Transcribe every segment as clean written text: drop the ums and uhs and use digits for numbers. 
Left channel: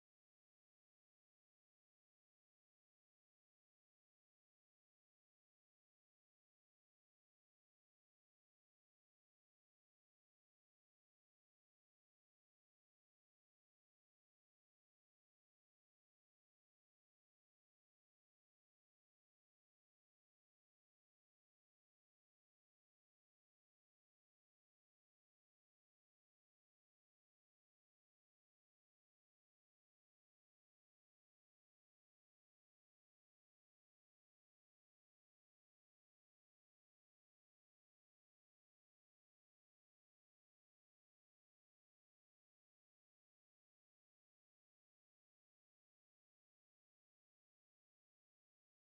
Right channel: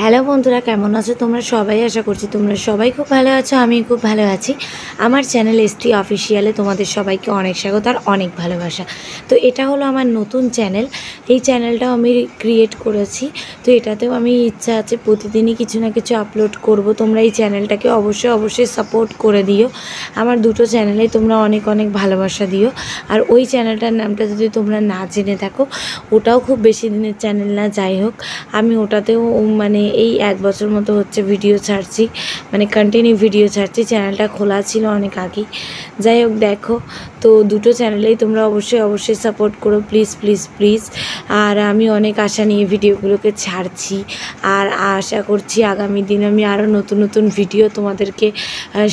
Hello বন্ধুরা, কেমন আছো তোমরা সবাই? আশা করছি তোমরা সবাই খুব ভালো আছো। আমি খুব ভালো আছি। আমার চ্যানেল এসটি অফিসিয়ালে তোমাদের সবাইকে অনেক স্বাগত আর অনেক ভালোবাসা। তো এটা হলো আমার নতুন চ্যানেল। এই চ্যানেলটাও আমি ক্রিয়েট করেছি। তো এটাতেও আমি ইচ্ছা আছে প্রতিদিনই কিছু না কিছু আপলোড করব। তোমরা এই চ্যানেলটাকে অবশ্যই সাপোর্ট করে দিও। আমার দুটো চ্যানেলেই তোমরা অনেক অনেক ভালোবাসা দিও। আর ওই চ্যানেলটার নামটা যদি তোমরা না জেনে থাকো, ওটাও খুব বেশি দিনের চ্যানেল না, যাই হোক আমি ওটাতেও মানে এই 1 বছর মতো হচ্ছে ভিডিও ছাড়ছি, মানে কন্টিনিউ ভিডিও ছাড়ছি। চ্যানেলটা খোলা ছিল অনেক আগেই। যাই হোক দেখো, তো দুটো চ্যানেলেই তোমরা অবশ্যই সাপোর্ট করো, প্লিজ প্লিজ প্লিজ। আর আমি অনেক আশা নিয়ে ভিডিওগুলোকে ছাড়ছি, আর আশা করছি আগামী দিন আমি আরও নতুন নতুন ভিডিও তোমাদেরকে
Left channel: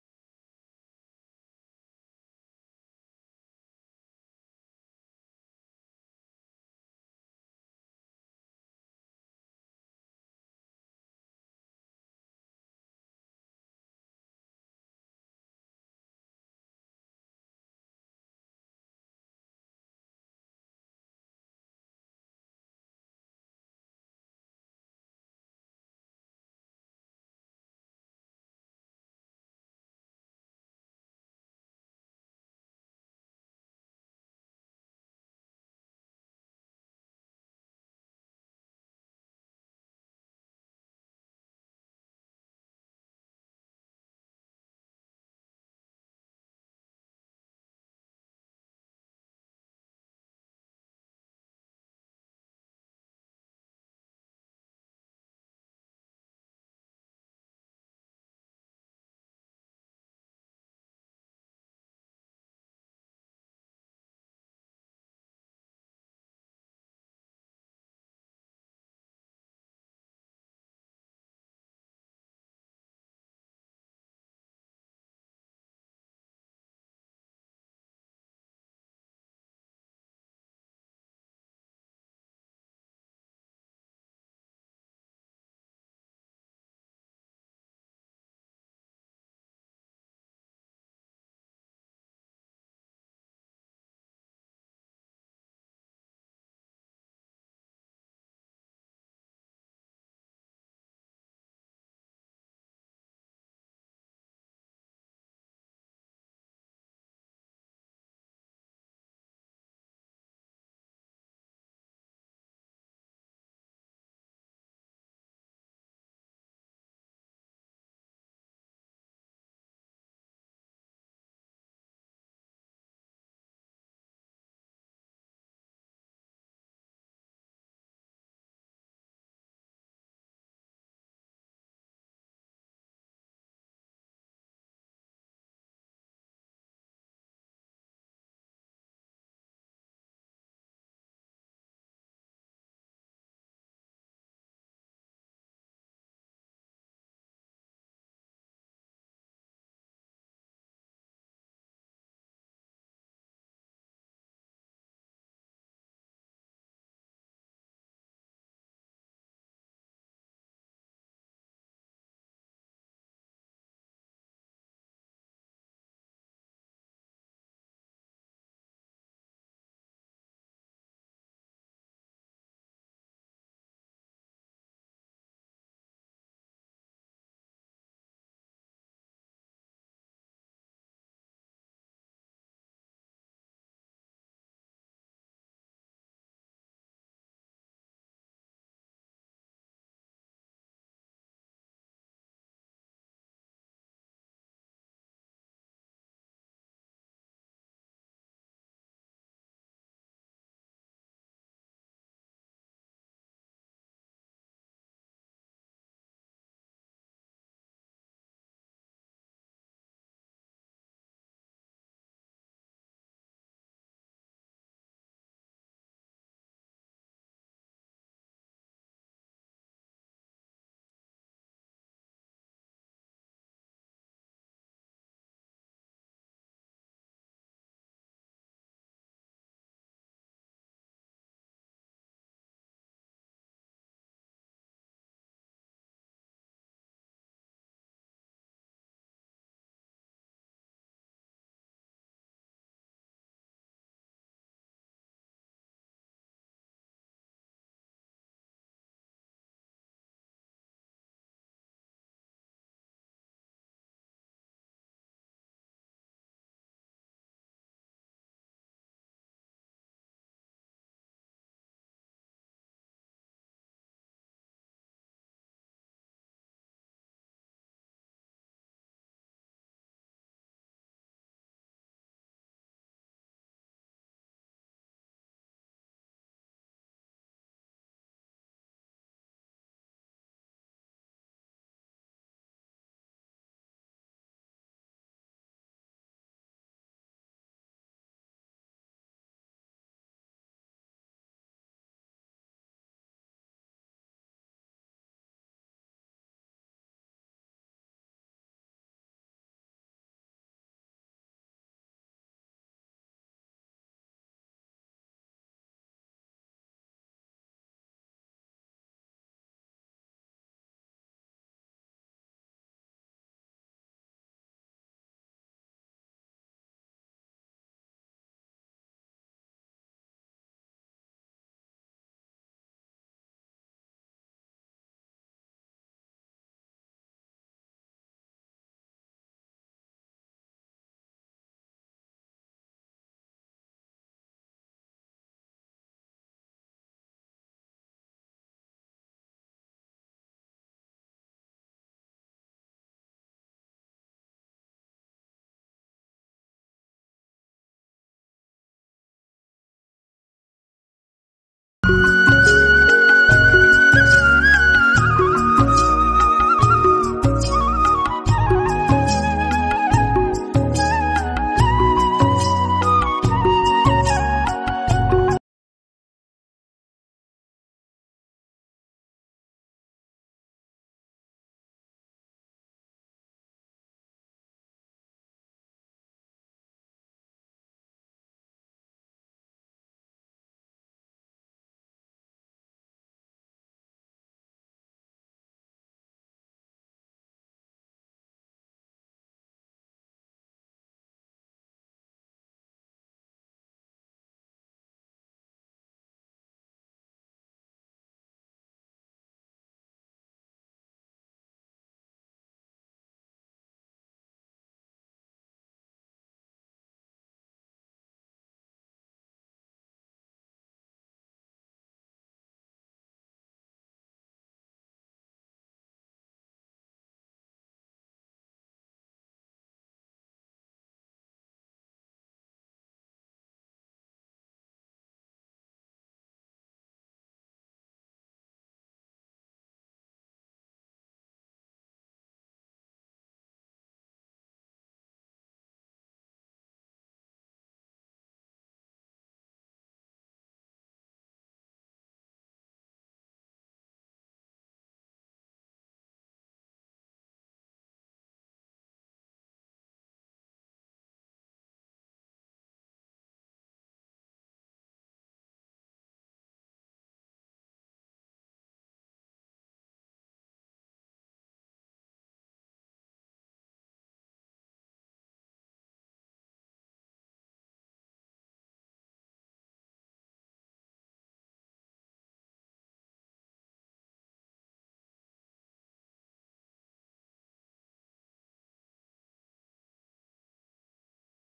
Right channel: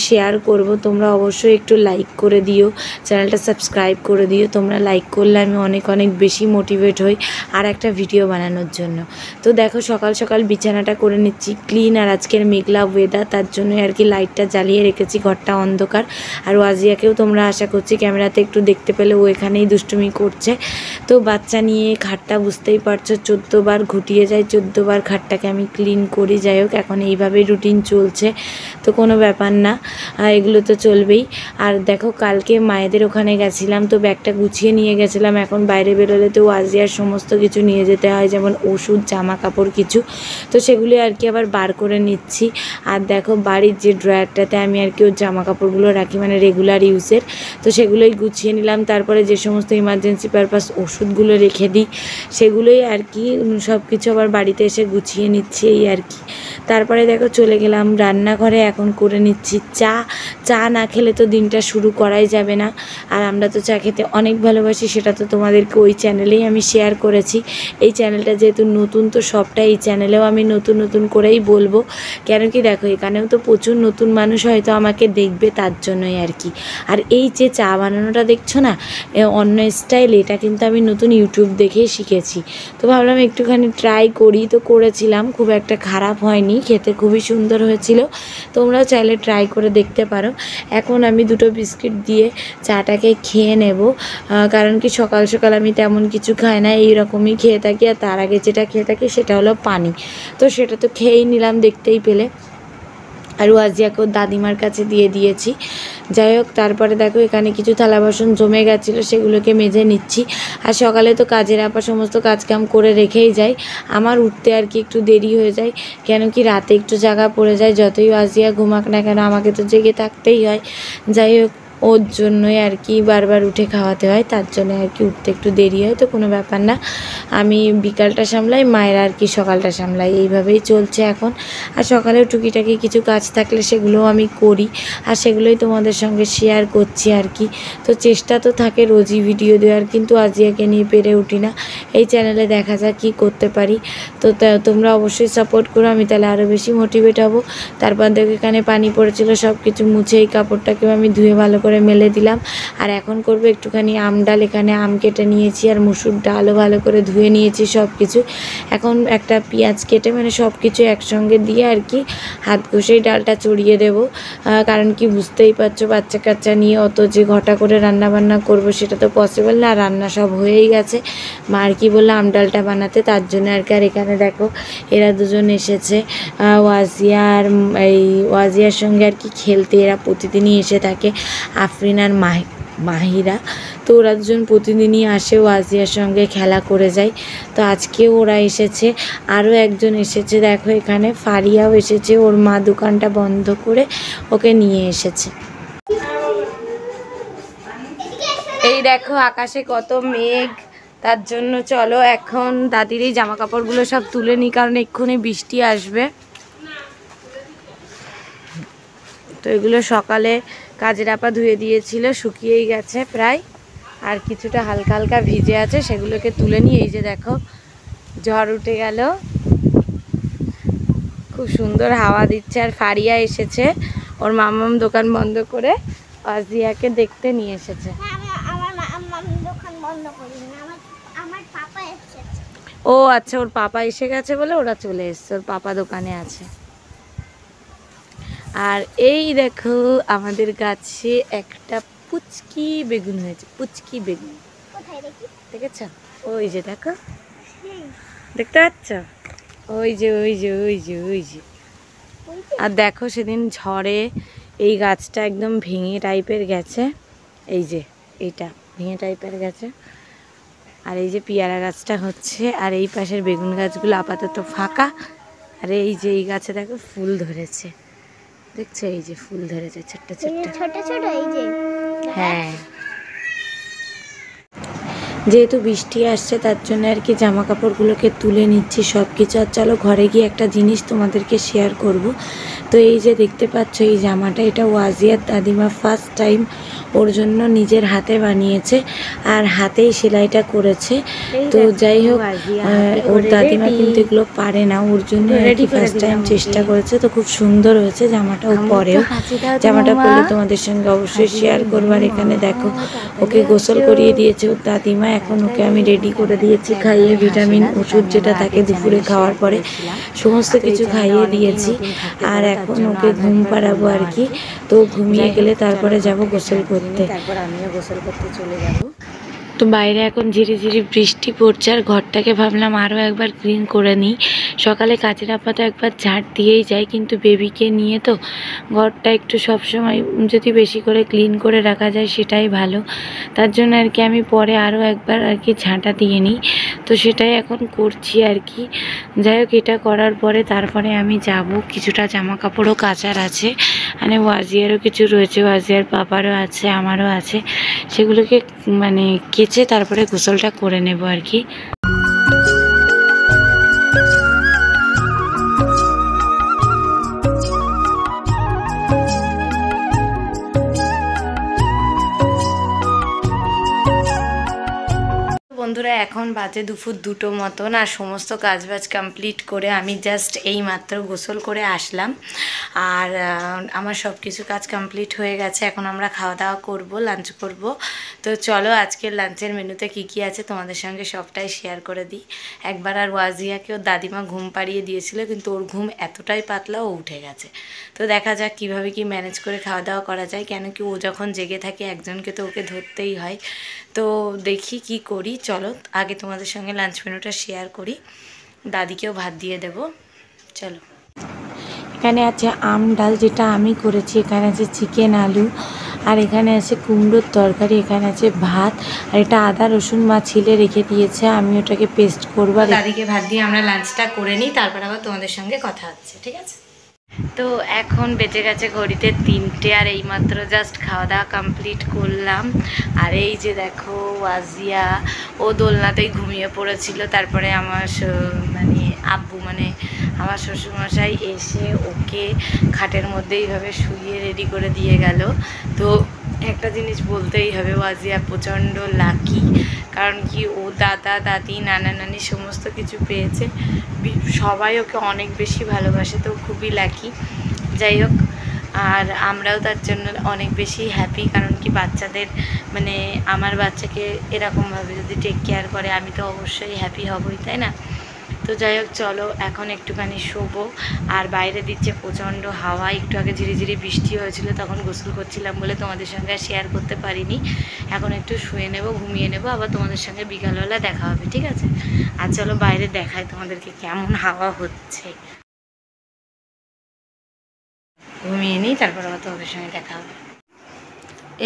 শেয়ার করব। তোমরা অবশ্যই একটু লাইক করে দিও, চ্যানেলটা সাবস্ক্রাইব করে দিও। তোমরা লাইক করলে আমি অনেক অনেক বেশি মোটিভেট হই আর একটা ভিডিও বানানোর জন্য। তো দেখো সকাল সকাল বিছানাটা করে নিচ্ছি ক্লিন, আর আজকের মেঘলা ওয়েদার, তার জন্য আর কি লাইটটা জ্বালিয়ে রেখেছি, ঘরটা অন্ধকার। আর ওয়াজিয়াকেও তোমরা আশা করছি ক্যামেরাতে একটু দেখতে পেলে, ও এখানেই দুষ্টুমি করছে। তো বাচ্চা নিয়ে খাটটা বুঝতেই পারছো 14 বার ঘুটিয়ে যায়, 14 বার খাটটাকে আমি ক্লিন করি। যাই হোক এখন এইভাবেই রুটিন চলছে, তো কোনো ব্যাপার না, এগুলো তো চলবেই। আর দেখো কালকে মায়েদের ওখানে গেছিলাম, তো ব্যাগটা গুছিয়ে নিয়ে গেছিলাম। এখন বাইরে বেরোলে তো ওয়াজিয়ার সমস্ত কিছু নিয়ে যেতে হয়, যেমন ওষুধ, জামা কাপড় কিছু, তো সেগুলি আর কি আবার বার করে নিচ্ছি। আর দেখো বাড়ির যে ড্রয়ারটাতে আমি আর কি ওর জামা কাপড়গুলো রাখি, মানে রেগুলার ইউজের, তো সেগুলোই গুছিয়ে নিলাম। তারপরে যে সমস্ত ইমার্জেন্সি পারপাস ওষুধগুলো রেখে দিই, সেগুলোই আর কি সব কিছু আবার বাড়িতে এসে গুছিয়ে নিচ্ছি, এই আর কি। তারপরে দেখো চলে গেলাম রান্নাঘরে, এখন করে নিচ্ছি চা। চা না খেলে তো দিনটা শুরু করাই যাবে না, আর আমরা তো চা খেতে অনেক ভালোবাসি, সেটা তো তোমাদেরকে ওই চ্যানেলেই আমি শেয়ার করেছি। এই চ্যানেলটা যেহেতু নতুন, তো সবটা এই চ্যানেলেও আমি নতুন নতুন করেই বলবো। কেন কি দেখো এখানেও তো প্রচুর নতুন মানুষ হয়তো আমাকে দেখবে, তার জন্যই আর কি। আর এই যে চা বানানোটা দেখছো না, অন্য স্টাইল, এটা কিন্তু আমি নতুন ইউটিউব দেখেই শিখেছি। তো ভাবলাম একটুখানি ট্রাই করি, তো করেছিলাম, খুব একটা খারাপ হয়নি, খেতে খুবই সুন্দর হয়েছিল। তোমরাও চাইলে ট্রাই করে দেখতে পারো। এখন আমি দুটো বিস্কিট দিয়ে চাটাকে খেয়ে নেব, কারণ কি সকাল সকাল আমি তেমন কিছু খাই না, এইরকমই খেয়ে থাকি। আর তার আগে যেটা খেয়ে থাকি সেটা হলো পানি, তো সেটা তো খেয়েই নিলাম দেখতেই পেলে। আর ওয়াজিয়াকেও দাদিমার কাছে দিয়ে দিয়েছি। যাই হোক তারপরে দেখো এখানে কিছু থালা বাসন জমে গেছিলো, সেগুলোকে মেজে নিচ্ছি। আর সকালে তো কাজের আপা সমস্ত কাজকাম করে রেখেই যায়, আমার উঠতে আর কি একটু দেরি হয়ে যায়, কেন কি রাতে একটু জাগা পড়ে যায়। যতই ওয়াজিয়া ঘুমাক না কেন আমাকে তো জেগে থাকতেই হয়। যাই হোক ওর জন্যই আর কি বারবার উঠে খাওয়াতে হয়, তার জন্য আর কি উঠতে একটু দেরি হয়, তো কোনো ব্যাপার না। আমি বিকালটা সামলাই, মায়েরা আর কি সকালটা সামলাই, এইভাবেই চলছে এখন। আর সকালেও টুকিটাকি কিছু কাজ থাকলে সেগুলোও আমি করি, আর সেগুলোই তোমাদের সঙ্গে শেয়ার করছি আর কি। তো চেষ্টা তো থাকে রোজই ভিডিও দেওয়ার, কিন্তু আজিয়াকে নিয়ে পেরে উঠি না। এই চ্যানেলে দেখা যাক কী করতে পারি। তো তোমরা অবশ্যই সাপোর্ট করো, আমি তাহলে আরও বেশি মোটিভেট হব। তারপর দেখো এখানে পানি পড়েছিল, সব কিছু মুছে এই কাপড়টাকেও আমি ধুয়ে ভালো করে মেলে দিলাম। আর এখন করবো একটুখানি আম ডাল, এখানে আম কেটে নিয়েছি আর মুসুর ডালও ভালো করে ধুয়ে নিয়েছি সব কিছু। এখন একটা পেঁয়াজ কেটে মানে সব কিছু একসঙ্গে দিয়ে আর কি হাত ঘষেই ডালটা চড়িয়ে দেবো, কারণ কি বুঝতেই পারছো বাচ্চা কাচ্চা নিয়ে অত যে ঘটা করে রান্না বান্না করবো সেটা তো পসিবল না। রান্না সব হয়েই গেছে, মা আর কি বললো আম ডালটা বানাতে, তার জন্য আর কি। আর এখানে দেখো এরা দুজন এসেছে, ওয়াজিয়া আর এই ওয়াজিয়ার সঙ্গে আর কি খেলতে, এরা প্রতিদিনই এসে থাকে, আফরিন আর মাহিরা। তো ওরা দুজন প্রতিদিনই আসে, ওয়াজিয়ার সঙ্গে খেলা করে যায়। তো আজকেও ওরা এসেছে, আরও একজন এসেছে, দেখো এখানে ফারিয়াও এসেছে, ওর মা দোকানটা বন্ধ করে ওকে নিয়ে এসেছে। এই দেখো আকাশে কত মেঘ, তার জন্য চলো এখন দাদির এই জামা কাপড়গুলো সব তুলে নিই, কারণ এক্ষুনি বৃষ্টি আসবে। তো এগুলো সকালে কাজের আপা ধুয়ে দিয়েছিল, শুকিয়েই গেছে প্রায়, আর কিছুটা হালকা হালকা ভিজে আছে, সেগুলোকে তুলে নিয়ে এই যে দেখো ঝড় উঠে গেল, খুব সুন্দর হাওয়া দিচ্ছে। আর ফারিয়া এসেছে, ওর মামাম দোকান বন্ধ করে আজিয়াকে দেখতে নিয়ে এসেছে। ও আচ্ছা, ওর পাপা এসে গেছে বলে ওরা চলে এসছে, ওর পাপা দোকানে আছে। আর এই দেখো আমাদের গাছে একটা পুচকি বেগুন হয়েছে, পুচকি বেগুন দেখেছ? ওই যে দেখো, দেখতে পাচ্ছ? ওই যে ওই যে ওই যে ওই যে। আর দেখো সেদিন ঝড়ে এই গাছটা একদম ভেঙে টাইপের গেছে, এই যে এইটা ভেঙে টাইপের গেছে। আর এই যে পেয়ারা গাছটা হচ্ছে, আর এই পাশের বেগুন গাছগুলো আপাতত ফাঁকা। আর এই যে এই গাছে দেখো ফুল ধরেছে, দেখছো এই যে ফুল ধরেছে ছোট্ট ছোট্ট ছোট ছোট এই যে। হ্যাঁ, যেহেতু বৃষ্টি আসছে তার জন্য আর কি জামা কাপড়গুলোকে তুলে নিচ্ছি সব কিছু। আর চলো ঘরে গিয়ে একটা জিনিস তোমাদেরকে শেয়ার করব। তো এই যে দেখতে পাচ্ছ এই জামাটা, এটা ওয়াজিয়ার দাদিমা ফার্স্ট টাইম ওর জন্য নিজের হাতে বানিয়েছে আর হাতেই সেলাইটা করেছে। তো যাই হোক, ওর দাদিমা কিন্তু এগুলো পারে না, ওর জন্য আর কি ফার্স্ট টাইম চেষ্টা করেছে। তো খুব সুন্দর হয়েছে জামাটাও, পরেও জামাটা পরলে তোমাদের সঙ্গে অবশ্যই শেয়ার করবো। আর এখানে দেখো ওকে গোসল করিয়ে দিয়েছে ওর দাদিমা, এখন ওকে আমি রেডি করে দিয়েছি, খাইয়ে ভিটামিন ওষুধ যেটা থাকে দুপুরে খাওয়ার পরে সমস্ত কিছু খাইয়ে দিয়েছি। আর এখন ওকে ঘুম পাড়াবো আর কি। তো ঘুমিয়ে গেলে তারপরে যাব গোসল করতে, তারপর আমিও গোসল করতে চলে যাব। তো বাইরে এখন ঝিরিঝিরি বৃষ্টি পড়ছে আর ঘরটাকে ভাবলাম আরও একবার ক্লিন করে নিই। সকালে কাজের আপাতত একবার ঝাড় দিয়েই যাই, কিন্তু বেবিকে নিয়ে তো ঘরটা একটু সবসময় যদি বেশি করে ক্লিন করে রাখা যায় সেটাই ভালো। তার জন্য আর কি আমি পরে আরও একবার আর কি ঝাঁটা দিয়ে নিই, তো সেটাই এখন করছি আর কি। যাই হোক, এটা করার পরে তারপরে আমি যাব, কিছুটা জামা কাপড়ও কাচার আছে, মানে ওয়াজিয়ারও কিছু রয়েছে, ওয়াজিয়ার পাপারও আছে, আমারও আছে, সেগুলোকে মানে কেচে তারপরে গোসলটা করে নেব আর কি। বন্ধুরা এখন বাজে দুপুর 2টো মতন, আর সমস্ত কাজবাজ কমপ্লিট করে আমি জাস্ট এই মাত্র গোসল করে আসলাম। আর আমার সব কিছু কাজ কমপ্লিট হয়ে গেছে, এখন আমরা খাওয়া দাওয়া করব, লাঞ্চ করব। তো চলো আজকের লাঞ্চের মেনুতে কি কি আছে তোমাদের সঙ্গে সবটাই শেয়ার করে দিই। একবার আর ওয়াজিয়াকে ওর দাদিমা ঘুম পাড়িয়ে দিয়েছিল, কিন্তু ওর ঘুম এতটাই পাতলা ও উঠে গেছে। তো দেখা যাক কিভাবে কি ম্যানেজ করে খাওয়া দাওয়া করা যায়, কেন কি ও যখন জেগে থাকে একজনকে তো ওকে ধরতেই হয়। তো দেখি কি করি, চলো আগে তোমাদের সঙ্গে লাঞ্চ মেনুটা শেয়ার করি, দাদিকেও ভাত দিয়ে দেব। চলো, এখানে আছে আম ডাল যেটা আমি করেছি, এখানে আছে চিকেন আলু, আর এখানে আছে কুমড়োর তরকারি, এখানে আছে ভাত, আর এটা আদা রসুন মা ছিলে রেখে দিয়েছে, আমি ওটাকে পেস্ট করবো। আর দাদিকে ভাত দিয়ে আমরা লাঞ্চটা করে নিই, তারপর আবার তোমাদের সঙ্গে কথা হচ্ছে, ঠিক আছে? তো এখন বেজে গেছে ঘড়িতে 3টে, আর এইমাত্র জাস্ট খাওয়া দাওয়া কমপ্লিট করলাম। আর এই যে দেখো ওয়াজিয়া, ও দোলনাতেই ঘুমিয়ে পড়েছিল, তারপরে আমার মানে আব্বু মানে আমার শ্বশুরমশাই এসে ওকে খাটের মধ্যে এইভাবে শুইয়ে রেডি করে দিয়ে গেল। তো একটা জিনিস বলতেই হবে, ওয়াজিয়া প্রচণ্ড লাকি, কারণ কি ও দাদা দাদি নানা নানি সমস্ত কিছু পেয়েছে, সবাই ওকে অনেক বেশি ভালোবাসে, তো খুবই লাকি। যাই হোক, আর আমরাও তার জন্য অনেক বেশি হ্যাপি, কারণ কি বাচ্চাদের মানে আমার বাচ্চাকে এরকমভাবে যদি টেক কেয়ার করে আমি তো অবশ্যই হ্যাপি হবই, তাই না? তো যাই হোক, চলো এখন একটুখানি শোবো। আর বাইরে দিচ্ছে প্রচণ্ড হাওয়া, একটু আগে ঝিরিঝিরি বৃষ্টি হয়েছিল, তখন গোসল করছিলাম বলে তোমাদের সঙ্গে আর শেয়ার করতে পারিনি। এখন একটু শুয়ে নেব, ঘুমিয়ে নেব, আবার তোমাদের সঙ্গে বিকালবেলা দেখা হবে, ঠিক আছে? আর চলো বাইরে দেখাই তোমাদেরকে কেমন হাওয়া হচ্ছে, ঘুমিয়ে নিই, তারপর আবার তোমাদের সঙ্গে দেখা হবে।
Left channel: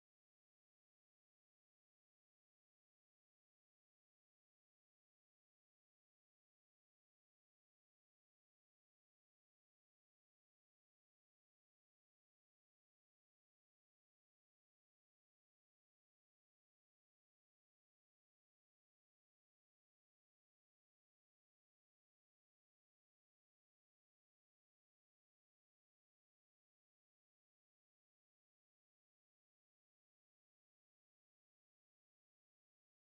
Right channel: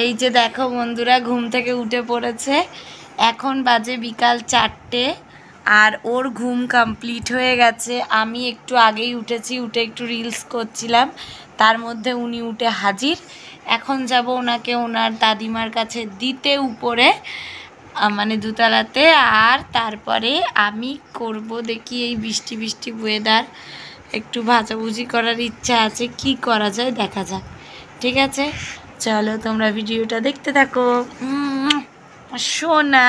এই যে দেখো বন্ধুরা, ঘুম থেকে উঠে পড়েছে, এখন বাজে বিকাল 4টে, আর ওর ঘুম কমপ্লিট হয়ে গেছে। আমি একটু আগেই উঠেছি, উঠে একটু রিলস করছিলাম, তার মধ্যে উনি উঠে হাজির। এখন যাব ওনাকে ওনার দাদিমার কাছে দিতে উপরে, মানে দোতলাতে, আর তারপরে আমি করব দেখি এই বৃষ্টি বৃষ্টি ওয়েদার, একটু ভাজাভুজি করার ইচ্ছা আছে, কি করা যায় দেখা যাক, ঠিক আছে? চলো তোমরা ভিডিওটা দেখতে থাকো, সোনা।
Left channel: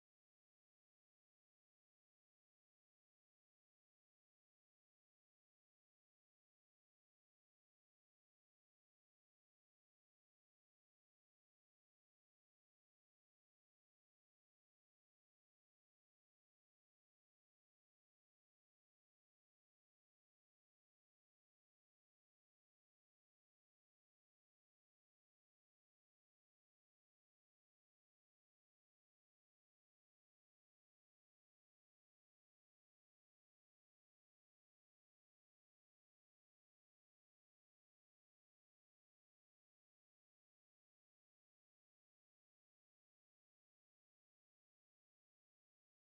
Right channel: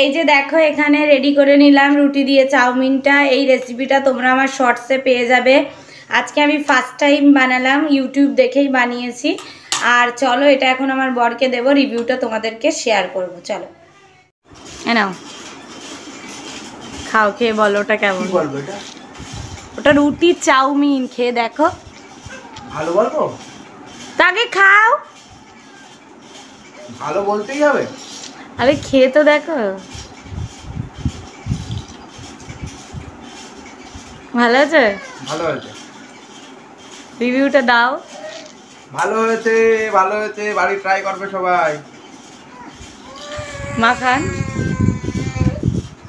এই যে দেখো এখানে রেডি করে নিলাম রুটি দিয়ে চাউমিনটা, এই রেসিপিটা তোমরা আমার শর্টসে পেয়ে যাবে। আজকে আমি ফার্স্ট টাইম বানালাম, ইউটিউব দেখেই বানিয়েছি। আর চলো এটা এখন আমার বরকে দেবো, রিভিউটা তোমাদেরকে শেয়ার করব, চলো। নাও খাও, খেয়ে বলো ওটা কেমন। কি বলবো এটা? ওটা রুটি চাউমিন, খেয়ে দেখো। ভালো বলবো? তাকে খাও। ভালো বলতেই হবে? আরে খেয়ে তো দেখো। ভালো আছে? ভালো হয়েছে। রিভিউটা দাও। ভালো হয়েছে, ভালো হয়েছে, বাড়ি ট্রাই করবে সবাই। মা খান,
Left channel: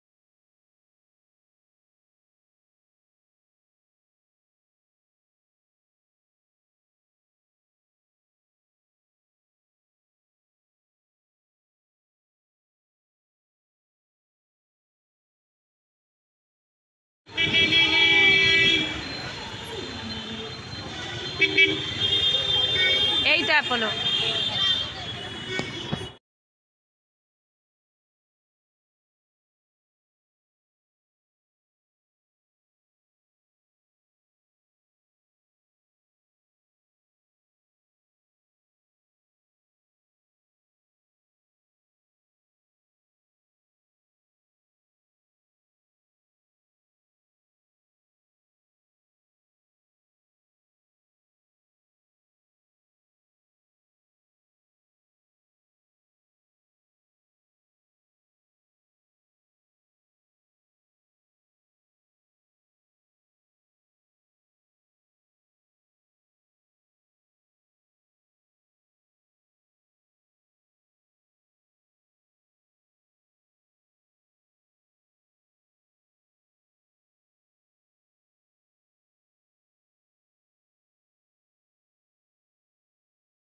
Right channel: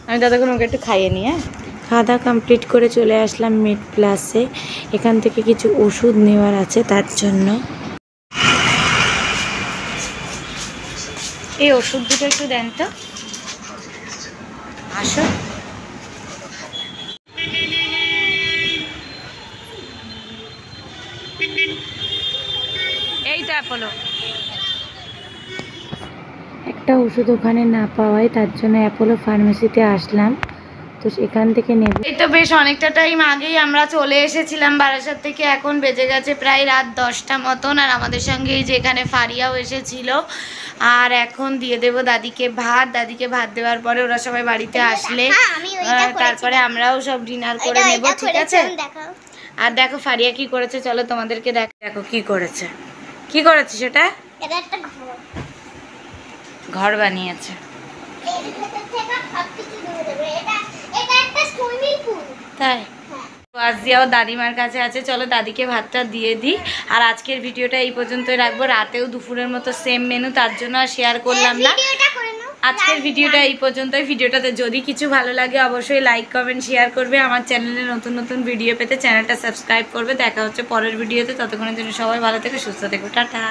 আমি ততক্ষণ ওকে একটু খাইয়ে নিই। হ্যাঁ, খাওয়া দাওয়া কমপ্লিট করে চলে আসলাম মেড প্লাসে। এখান থেকে কিছু ওষুধ নেওয়ার আছে তার জন্য। এই ওষুধ দুটো একটু দেন তো। আসো। এই তো অ্যাপোলো। একটা ওষুধ ওখানে না পাওয়ায় তার জন্য অ্যাপোলো ফার্মেসিতে আসলাম, তো সেখান থেকে নেব। এই তো বেশ অনেকটা টাইম আগেই আমরা চলে এসেছিলাম বারাসাত থেকে। এখন বেজে গেছে প্রায় রাত 10টা মতন। আর আমাদের সঙ্গে এই যে এখানে ফারিয়াও এসেছিল। আর এখন দিয়ে দেব দাদিকে ভাত। দাদিকে ভাত দেওয়ার পরে ওরা সবাই বাড়িতে আসলে তারপরে আমরাও সব ডিনার করে নেব, ঠিক আছে? আর দেখো ফারিয়া কি করেছে, চলো তোমাদেরকে দেখো কি করেছে। কি করেছে সেটা? ঘর বানিয়েছে। তাই আজিয়াও দাদিমার কাছে আছে, চলো দাদিকে ভাতটা দিয়ে দিই। আর আজকের ভিডিওটা এই পর্যন্তই রাখবো। রাতেও দুপুরের মতো সেম মেনু, তার জন্য আর শেয়ার করলাম না। আজকের ভিডিওটা এই পর্যন্তই। ভিডিওটাতে যদি কিছু ভালো লাগে অবশ্যই লাইক কমেন্ট শেয়ার করবে। আমার চ্যানেলে নতুন নতুন ভিডিও পেতে চ্যানেলটা সাবস্ক্রাইব করবে। দেখা হচ্ছে পরের ভিডিওতে, ততক্ষণের জন্য সবাই ভালো থেকো, সুস্থ থেকো, টাটা।